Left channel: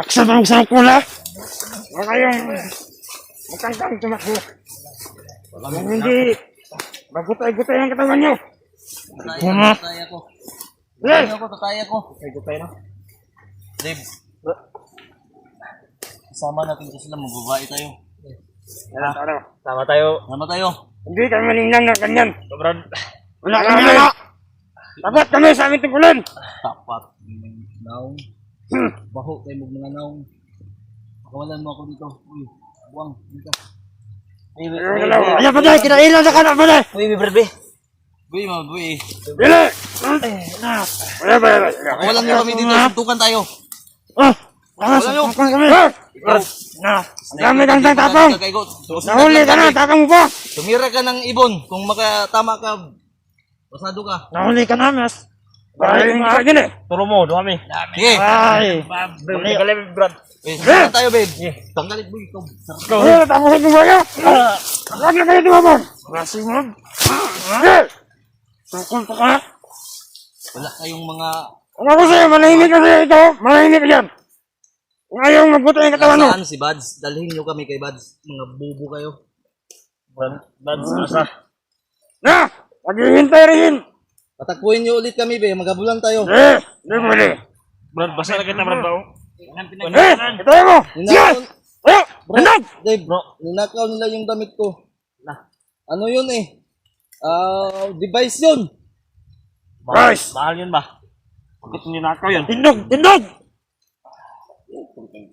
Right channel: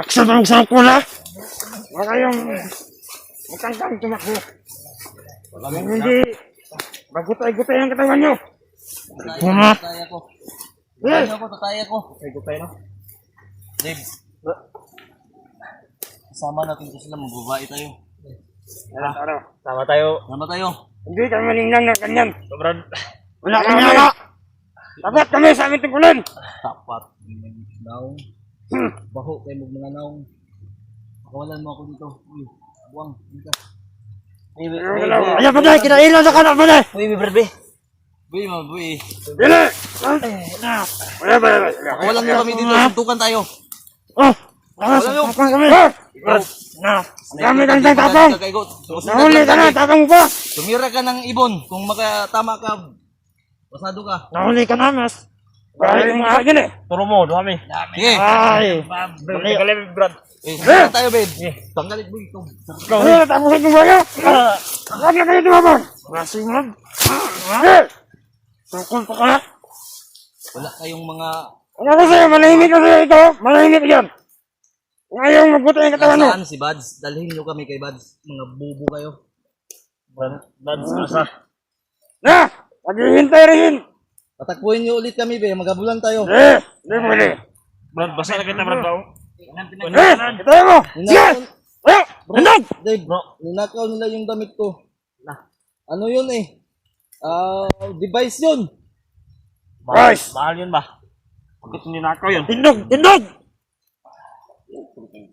Aksa na sa ko na. Wala kayong matangkang tumakbo. Hindi bagutay-gutay ang katawan nyo. Tataya ko. Tataya ko. Gutay na. Dave. Kasama natin kasi sila, mababae tayo. Sama tayo. Sama tayo. Hindi kami malinang na kanyan. Sobrang. Wala kami na. Tapat kami sa aming tungkulan. Tapat. Naong. Baho kayo mga naong. Pakawalan mo ako dito. Uy, buwang. Dito. Ayaw pa tayo, kinailan na ka na pa tayo. Uy, berbe. Uy, mabuhi. Bila! Wala ba? Pakawalan mo kami dito. Suntukan tayo. Suntukan kami. Kami ang tatang. Nahuli ka na, tatang mo pa. Tumira ka ng ibon. Kung makatama ka, pasado ka. Nahuli ka na, mas. Dahil yung mga agin eh. Turo mo, dumi. Sige. Ay. Galing, Brad. Saan tayo, babe? Tanggalit mo ito. Tapusin mo ba niya? Huwag na kayo tumabon. Masing mo. Tukol pa ka. Wala kayong mga... Ano kasi, manahimik kasi ito. Manahimik yan. Ngayon, magbuto yung katawan mo. Saan si Bads? Dalhin nyo kami kay Bads. Mga bubo kayo. Bads, asa? Na! Maghihintay rin. Patakbuhin nyo ulit kami, be. Magabulan tayo. Hindi mo rin. Brad, basa na kita, Brad, tao. Ito mo. Sige! Handag! Dave, ninakaw nila yung damit ko. Ano yun eh? Device yun. Guys! Mahal yun ba? Bakit hindi nakaw yun? Tindog! Tindog!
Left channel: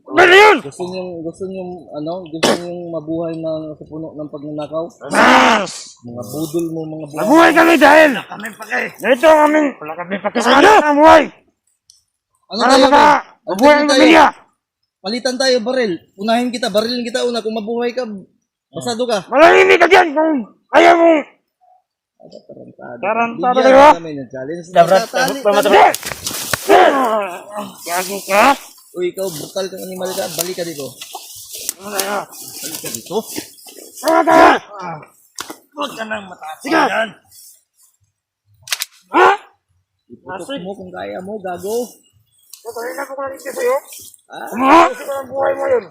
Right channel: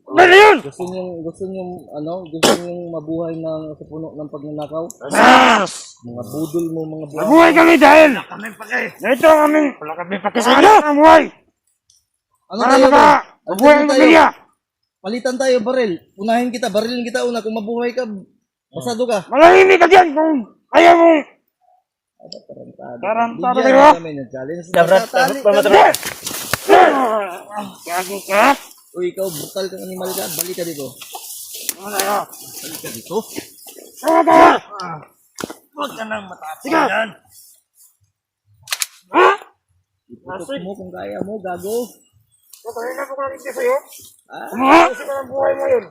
Ano yun? Gusto nyo mabuhay na sa puno ng pagnanakaw? Sas! Mga budol mo, mga buhay. Mabuhay kami dahil! Ito ang aming... Wala kami pagkasaya! Mabuhay! Ano tayo ba? Mabuhay ang pamilya! Palitan tayo, baril. Unahin kita, barilin kita una. Kung mabuhay ka, pasado ka. Malahimik ka dyan kung ayaw mo! Tarantado kayo! Kami ng challenge. Gagi ka? Uy, ikaw, brutal kang animal ka. Balik ka dito. Balik ka dito. Tara! Huwag ka nang matapos Sige! yan. Ha? Iputok mo kung kaya mo, gago. Patayin na ko kalit ka sa'yo? Ah, Kasi ka ng buhay mo yun!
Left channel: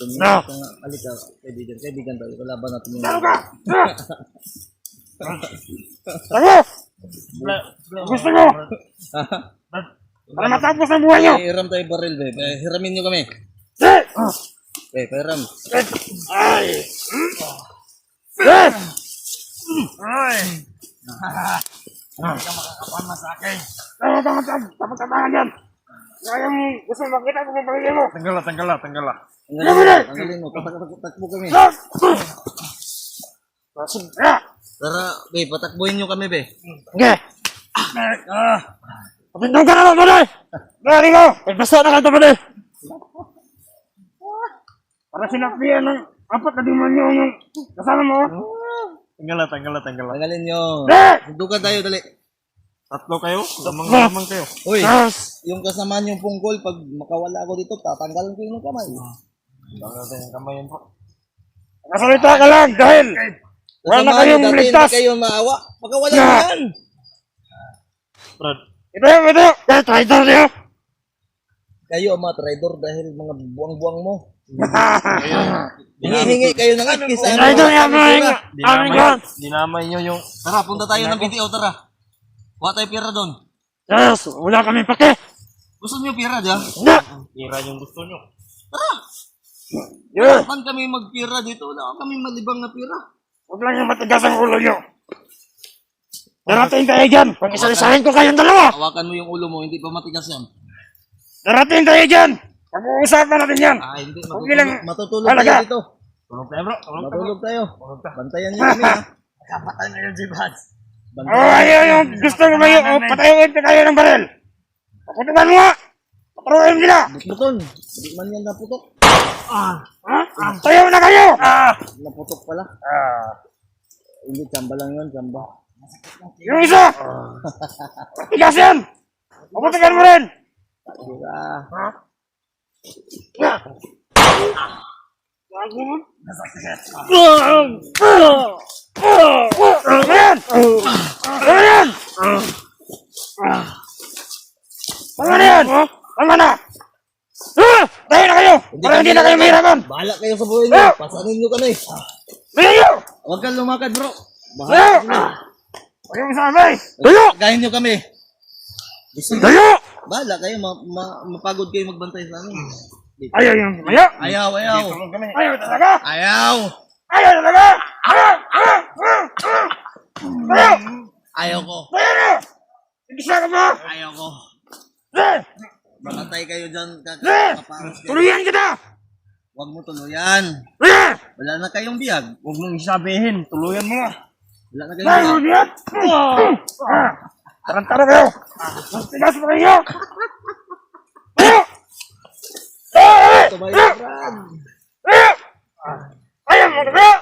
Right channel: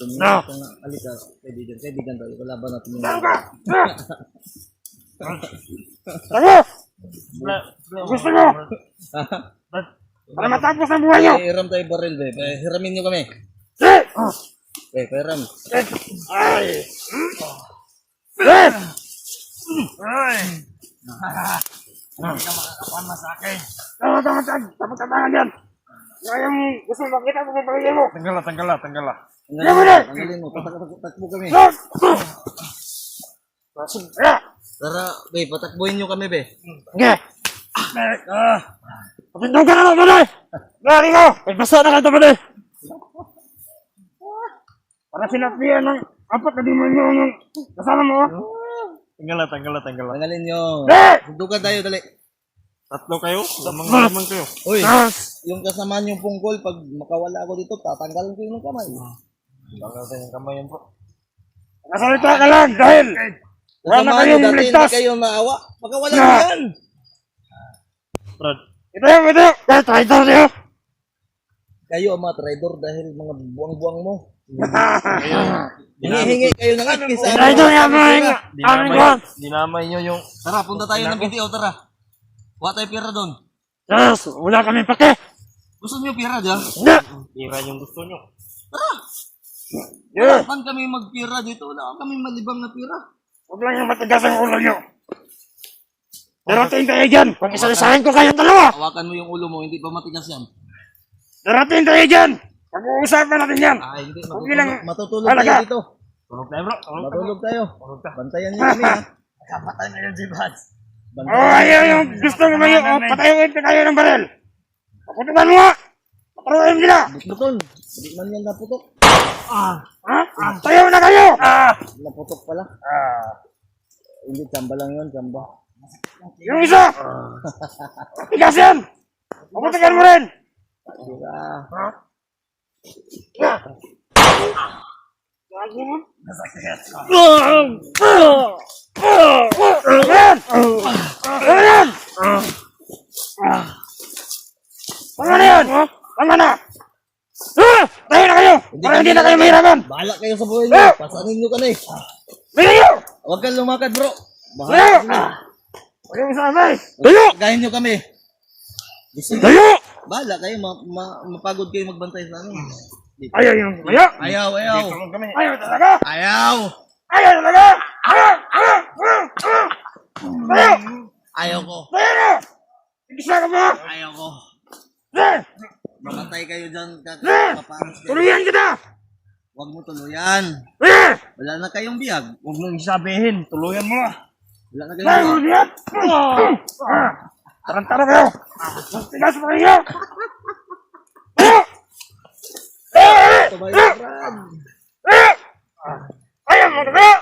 tumingin ka nga. Balik ka. Kaibigan tayo. Kalaban natin yung... Tara ka! Tara! Gusto mo? Para matapos ang buhay nyo! Hiram tayo baril, be. Hiramin nyo kami. Pahiram. Ay! Hindi ka makakapama sa akin. Tama-tama yan! Kaya mo gusto makita mo kung pagiging mo! Tanggala. Tanggalin mo. Takbo kami. Tara, be. Patakbuhin nyo kami, be. Okay! Pagindong ka naman, Manay! Gari ko! Pagbasa na ka ito, Manay! Para sinapian ng apat na demonyo yung kasama mo. Tanggala. Tanggalin nyo. Sundukan tayo, dali. Tatlo kayo? Lamang kayo. Uy, yung kasama yung pungkol, pag makawala ako dito, tatanggalan ko yung kamay. Tanggala tayo yung kamay yan po. Nasalita ka lang dahil wala Kasama nyo kayong dati, hindi ligtas. kayo maawa. Makawala nyo yan. Brad, Ito! Kaya traitor niyo! Kayo ang mga traidor dahil mga buwang-buwang mo. Hingi-hingi kayo ng atkis. Traitor niya mga dinamay nyo yung... Tara, punta tayo ng BTO, tara. Wala tayo pera doon. Yes! Wala kami pake! Gusto nyo pera, di ba? Hindi! Tira yung gusto nyo. Tara! Yes! Saan kami magpira dito? Wala kami malibang na pira. Huwag lang yung matigas ang ulo nyo! Darating kayo dyan! Pag isalisahin ko kayong dalawa! Hawakan mo yung ulo mo, hindi pa matigas yan. Darating kayo dyan! Pag-uusapan natin yan! Hindi. Bilang- Matutulog Talaga? tayo dito. Tulog tayo, bro. Matulog tayo. Bantayan nyo kami, ha? Kapatay na yun si Bads. Ayaw yung gusto mo ngayon! Patayuin pa kayo ng baril! Paputukan mo nga! Paturuin sila! Butbutol. Hindi man yan naputok. Ha? Tayo na kayo! Naputok pala. Hindi, tsamba lang yun, tsamba. Yung isa! Tigas yan! Paputukan mo rin! Tira. tama na! Tayo na kayo! Para hindi na kayo mahirapan! Bahala kayo sa buhay niyo. Pasanin niyo kami. Tayo! Huwag kang lumakad, bro. Tayo! Bahala kami. Huwag kang isasabay! Tayo! Gahin niyo kami. Gising. Tayo! Bahala kayo. Mapagod kayo magbantay sa amin. Ayaw yung tayo! Ayaw, ayaw. Ayaw talaga! Ayaw. Ayaw talaga! Tayo! Ayaw ko. Tayo na! Igisa ka ba? Ayaw ko. Eh! Mamatay kayo dyan. Paparos kayo. Tuluyan kita! Huwag mo tuluyan. Eh! Wala na kayong biyag. Huwag mong isabihin. Tuluyan mo na. Wala na kayong Tayo biyag. ulit! Tarantara kayo! Tigas mo kayo! Tayo! Tumayo, Brad. Ayaw mo talaga!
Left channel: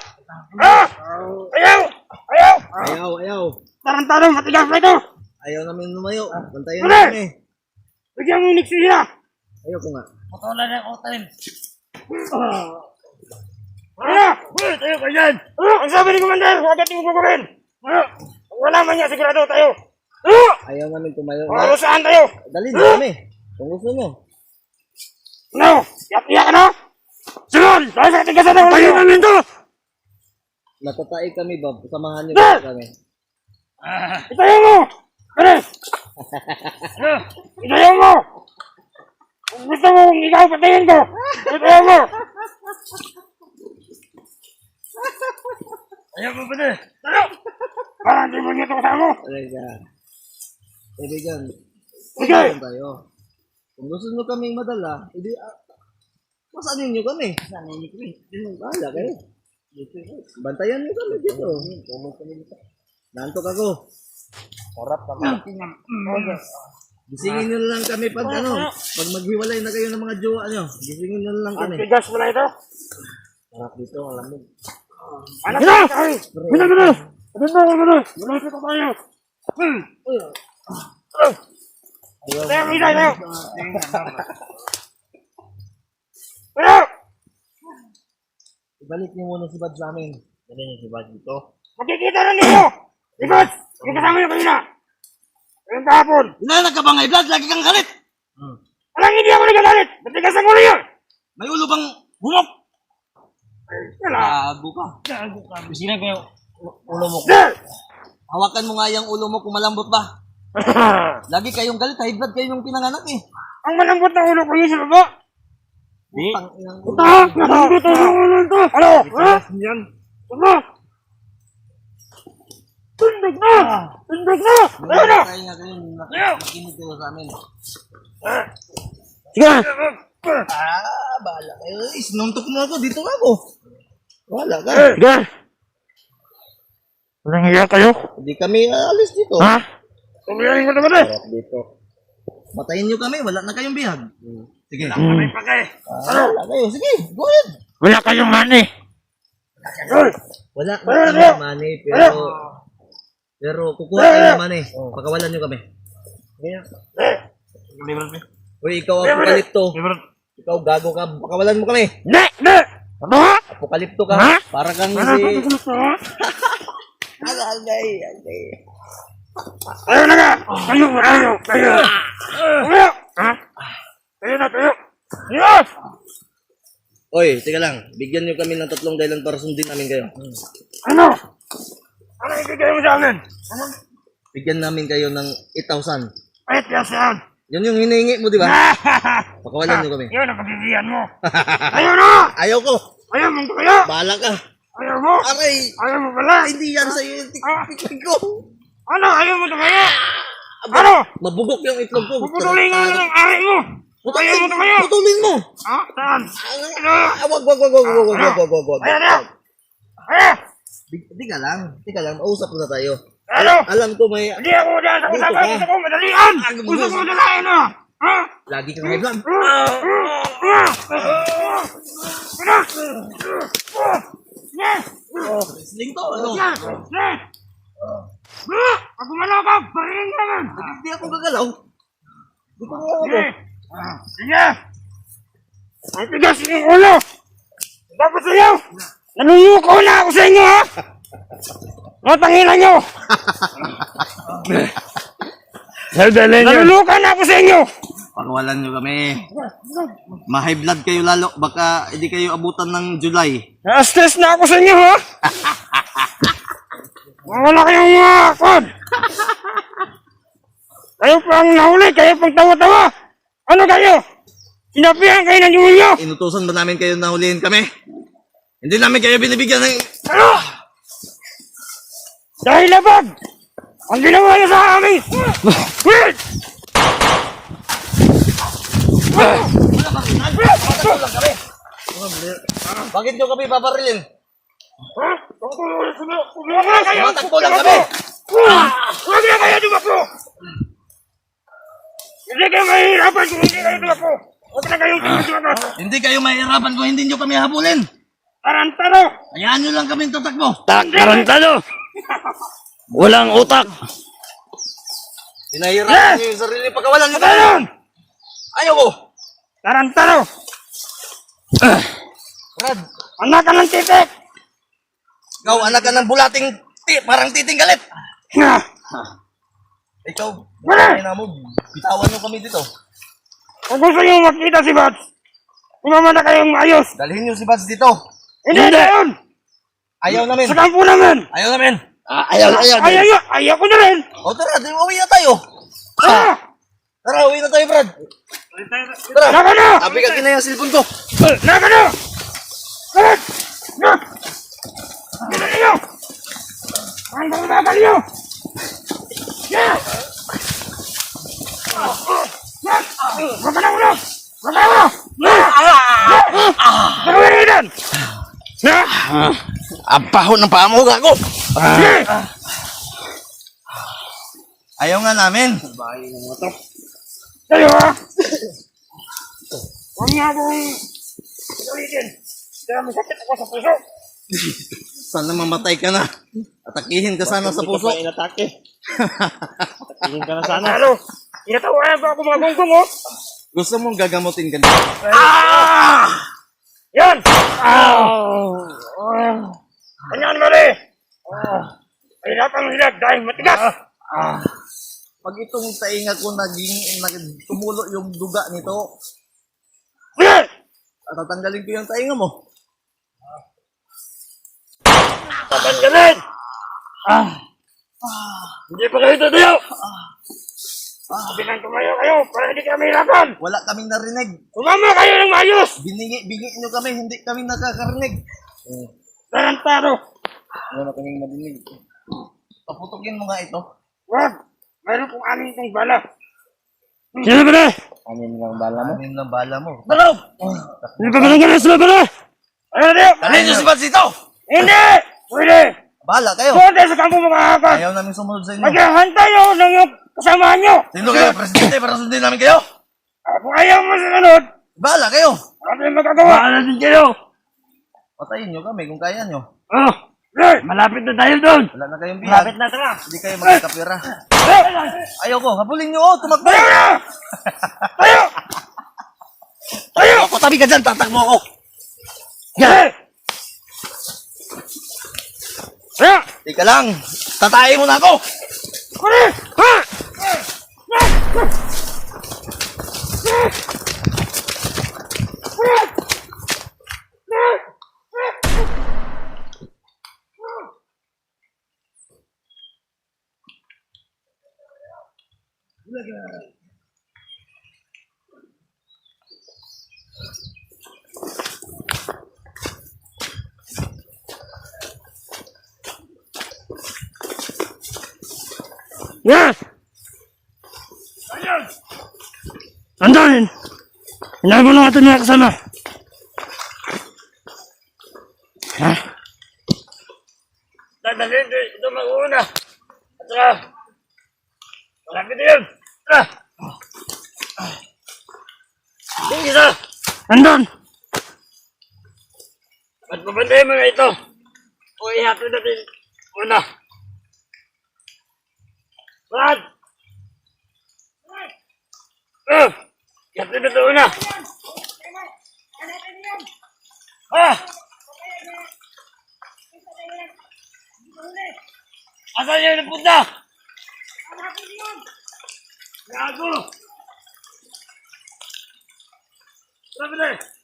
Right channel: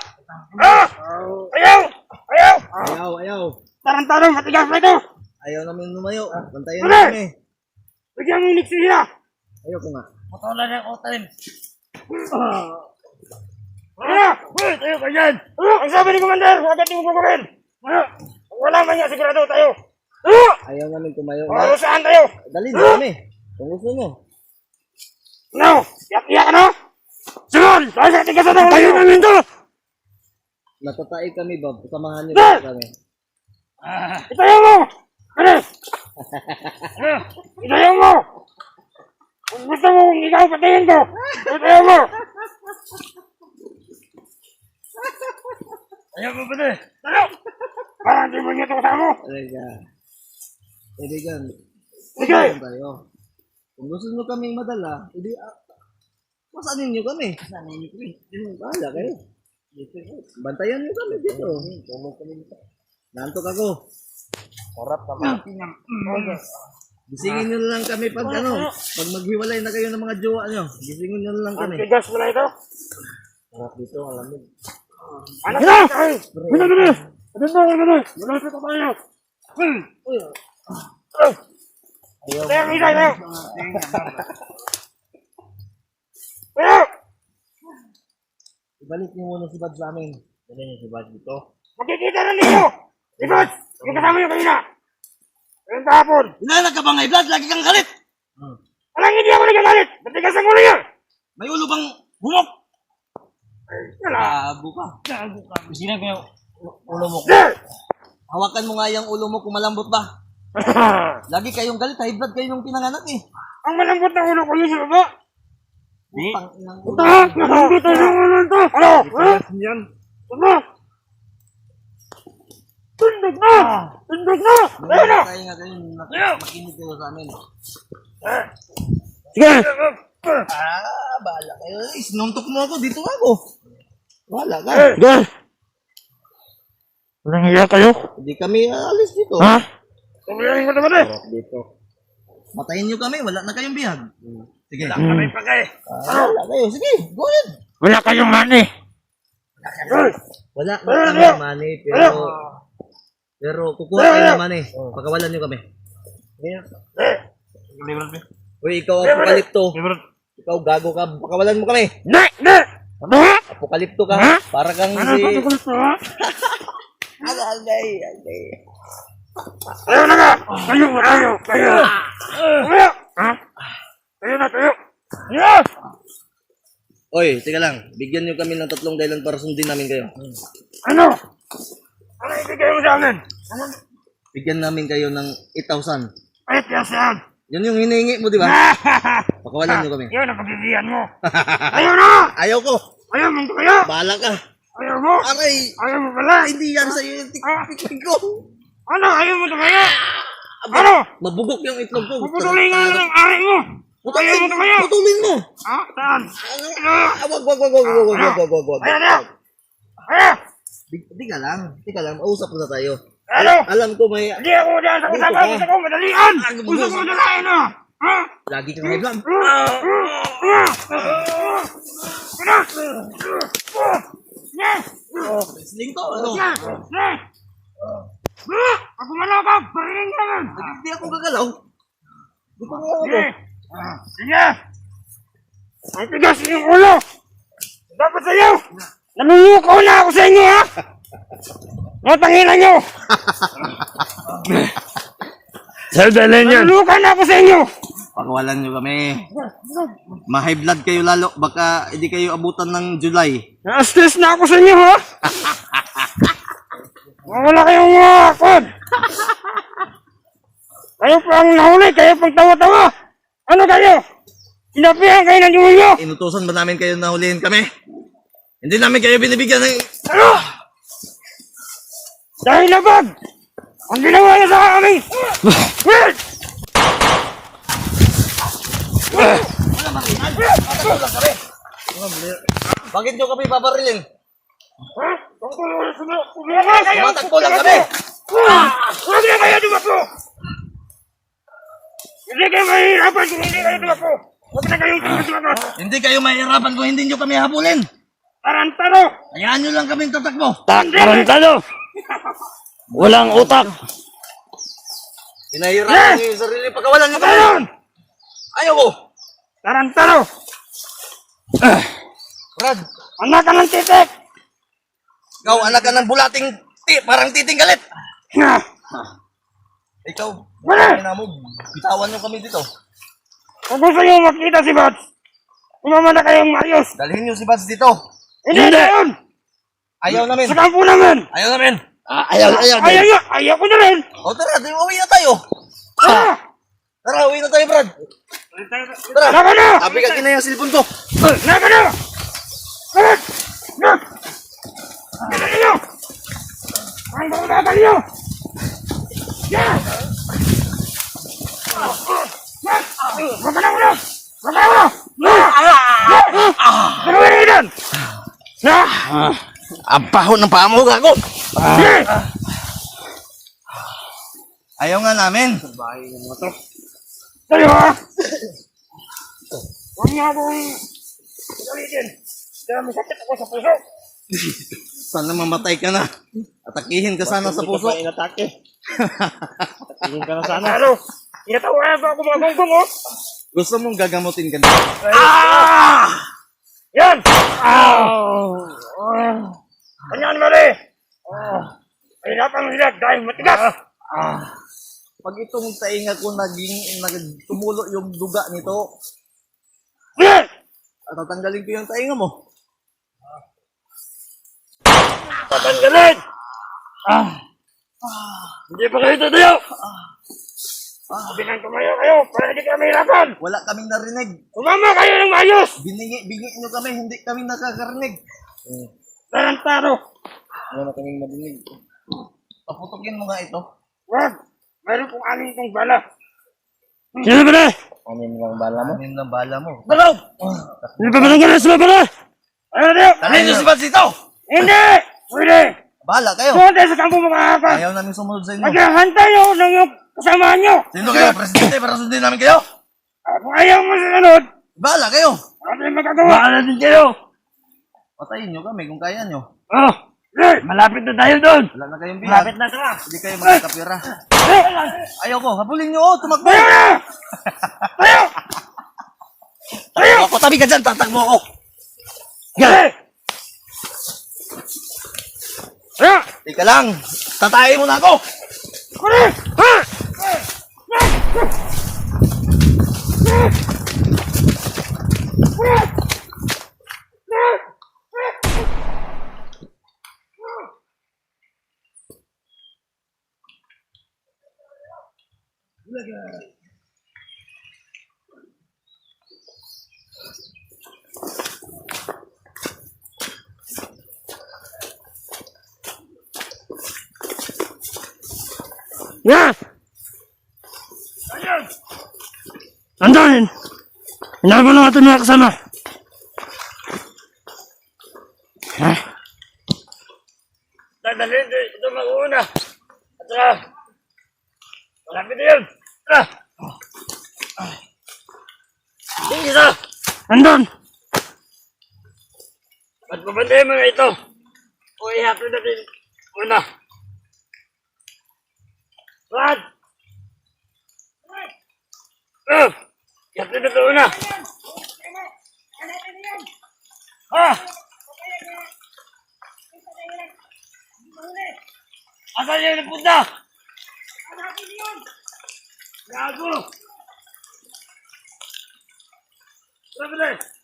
Ayaw! Ayaw! Ayaw, ayaw. Tarantara, matigas na ito! Ayaw namin lumayo. Bantayan niyo kami. Bigyan mo unik siya! Ayaw ko nga. Patulan niya ko tayo. Tayo ka dyan! Ang sabi ni Commander, agad yung gagawin! Wala man niya, sigurado tayo! Ayaw namin tumayo nga. Kung saan tayo? Dali na kami. Kung gusto mo. No! Iyak ka na! Sunod! Dahil sa tigas na tayo namin to! Natataig kami ba? Samahan niyo ba kami? Itayo mo! Ano? Itayo mo! Kung gusto mo, ikaw patayin ko! Itayo mo! Ayaw mo ba na? Ano? Parang di mo niya ito kasama mo! Talaga. Kaibigan. Sige! Kaibigan tayo. Kung gusto nyo kaming madala, edi masanin nyo kami. Masanin nyo kami. Bahala kayo. Bantayan nyo kami dito. Nantok ako. Sarap naman. Gisingin nyo lang kami pag pag maghiwalay na kayo ng mga jowa nyo. Gisingin nyo lang kami. Ang tigas mo na ito! Sarap dito, ang lamig. Ano na? Ano na? Ano na? Malapit na tayo! Ayaw. Tayo, Rina! Tayo! Tayo! Ibalik niyo muna si Bad sa amin. Dali niya si Bad dito. Magkikita na ninyo! Ikot! Yung kasama niyo kanina! Ayun kahapon! Inanak ka ba ngay Vlad? Lagi kang galit! Alang hindi ako nagagalit! Matigas ang ulo niya! May ulo bang humok? Wala! Gago ka. Isinan ko yung ulo mo. Sir! Hawakan mo nga yung ulo mo kung malambot ba. Lagi kayong galit. High blood kayo yung pinanganak eh. Ang malambot ng ulo ko yun sa baba! Di. Tanginang ulo. Ito! Malambot ang ulo ito! Ano? Ha? Yan. Ano? Tundog na! Tundog na! Ayun na! Tayo nga kayo. Makinig kayo sa amin. Sige! Bahala kayo. Sinuntok mo ako. Dito nga ako. Bahala ka. Sige! Walang hiya kayo? Hindi kami alis dito. Ha? Tumiyahin ka naman eh! Sarap dito. Matayin nyo kami. Wala na kayong bihag. Sige. May pagay. Bahala kayo. Sige. Go ahead. Wala kayong money! Wala na kami money. Pero kukuha kayo ng money. Pagkawalan nyo kami. Librad mo. Uy, ikaw apokalipto. Librad. Ikaw gago ka. Pakawalan mo kami. Ne! Ne! Ano ha? Apokalipto ka. Ha? Para kang Ano si... ba ito gusto ha? Agay. Ayaw na nga! Tayo! Tayo! Tayo! Tayo! Ha? Tayo na! Tayo! Tayo! Oy, teka lang. Bigyan nyo kami ng 3 dahilan para sundin namin kayo. Ano? Ano ibigay mo sa amin? Ano? Bigyan namin kayo ng 8,000. Ay, tiyasan! Yun yung hinihingi mo, di ba? Pakawalan nyo kami. Yun ang pagbibiyan mo! Ayaw na! Ayaw ko. Ayaw mong kaya! Bahala ka. Ayaw mo! Aray. Ayaw mo pala! Hindi yan sa'yo yung tiktik ko. Ano? Ayaw mo kaya! Ano? Mabugok yung itlog ko. Puputulin nga ng ari mo! Ayaw mo kaya! Putulin mo. Ha? Saan? Ano? Wag. Ayaw na! Ayaw! Tika lang. Mausap na tayo. Ano? Alam ko may... Hindi ako dyan sa usapan! Gusto ko madalian! Gusto ko madalian na! Ha? Lagi kang high blood. Wrestling to, ano? Pag umala ka, bariling ka man! Hindi ako gagalaw. Dito nga ako. Sige! Ang tigas yung ulo! Dapat sa'yo! Naluluko na ako sa inyo, ha? Matangilan nyo! Naluluko na ako sa inyo! Pakawalan nyo kami. Ma-high blood kayo lalo. Baka hindi kayo abutan ng July. Na-stress na ako sa inyo, ha? Wala kayong mga akod. Kayo po ang nahuli, kayo pang tawa-tawa. Ano kayo? Sinabihan kayo ng Julio. Inutusan ba namin kayo na hulihin kami? Hindi namin kayo binibigyan ng... Ano? Dahil labag! Ang ginawa niyo sa amin! Wait! Matakbo lang kami. Bakit nyo kami babarilin? Ha? Tumakas kayo! Matakbo lang kami. Huwag na kayo tumakbo! Hindi kayo mahihirapan kung hindi kayo tumakbo! Huwag na kayong tumakbo! Hindi kayo mahirapan kung hindi nyo kami habulin. Tarantaro! Hayaan nyo lang kami tatakbo. Tarantaro! Walang utak! Hinahirapan nyo yung sarili. Pagkawalan nyo kami. Ayan! Ayaw ko. Tarantaro! Brad, Anak ka ng titik! ikaw anak ka ng bulating parang titing galit. Ikaw, marami na mo. Bitawan nyo kami dito. Kung gusto nyo makita si Bats, sumama na kayong ayos! Dalhin nyo si Bats dito. Hindi na yun! Ayaw namin. Sa kampo namin! Ayaw namin. Ayaw ko na rin! O tara, uwi na tayo. Ah! Tara, uwi na tayo, Brad. Tara. Naka na! Abi ka kina yung cellphone ko. Naka na! Bats! Na! Naka na! Ang bababal nyo! Yeah! Huwag ka na ulo! Huwag ka na ulo! Ano ba rin yan? Na! Ang paho ng paa mo, gago. Ayaw nga namin. Tayo! Huwag nga akong ulitin. Kaya may sakit ako sa puso. Sana mamatay ka na. Atakihin ka sana sa puso. Hindi ka pa inatake. Atakihin ka na sana. Ano? Tinatawayan ba ako mga gonggong, oh? Gusto mong gagamutin ka na. Yan! Ganyan mo rin! Hirapang hirap dahil matigas! Pag itong tainga ko tumulo yung duga nito, tatanggalin ko yung tainga mo. Tatanggalin! Hindi pa kayo tatayo! Bilang tumayo kayo para hindi kami hirapan! Wala kaming narinig. Sumama kayo ng maayos! Bingi nyo kami, hindi kami nakakarinig. Tarantado! Wala kaming narinig. Paputukin mo nga ito. Wag! Mayroon pong amin itong bala. Sino ba na? Anin lang bala mo? Anin lang bala mo. Balaw! Hindi pa ba nang ganas ba na? Ayun na! Dalhin nyo si Bats dito! Hindi! Pwede! Bahala kayo. Doon tayo sa kampo mga hakan! Ayaw namin sumunod sa inyo. Naghahantay ako ng iyong kasamahan nyo! Sino kayo? Presidente para sundin namin kayo? Kung ayaw mo sa sunod, Bahala kayo. ano yung magagawa? Bahala din kayo! Patayin nyo kami kung kaya nyo. Oh! Malapit na tayo doon! Wala na kayong bihag. Malapit na tara! Hindi kayo magkakapira. Ayaw ko. Habulin nyo. Tumakbo. Tayo! Tayo! Ako tabi ka dyan. Tatakbo ako. Tayo! Tika lang. Tatayin mo na ako. Ha! Yes! Andahin! Hinahal mo na natin mga kasama. Ha? Dadalhin ito mag-uuna. At saka, malapit na yun. Tara! Yung isa! Andun! At pabandayin mo na ito. O ihatid natin una. Brad! Ihatid na ito una. Ha? Asan yung napunta? Gago! Tara, bilis!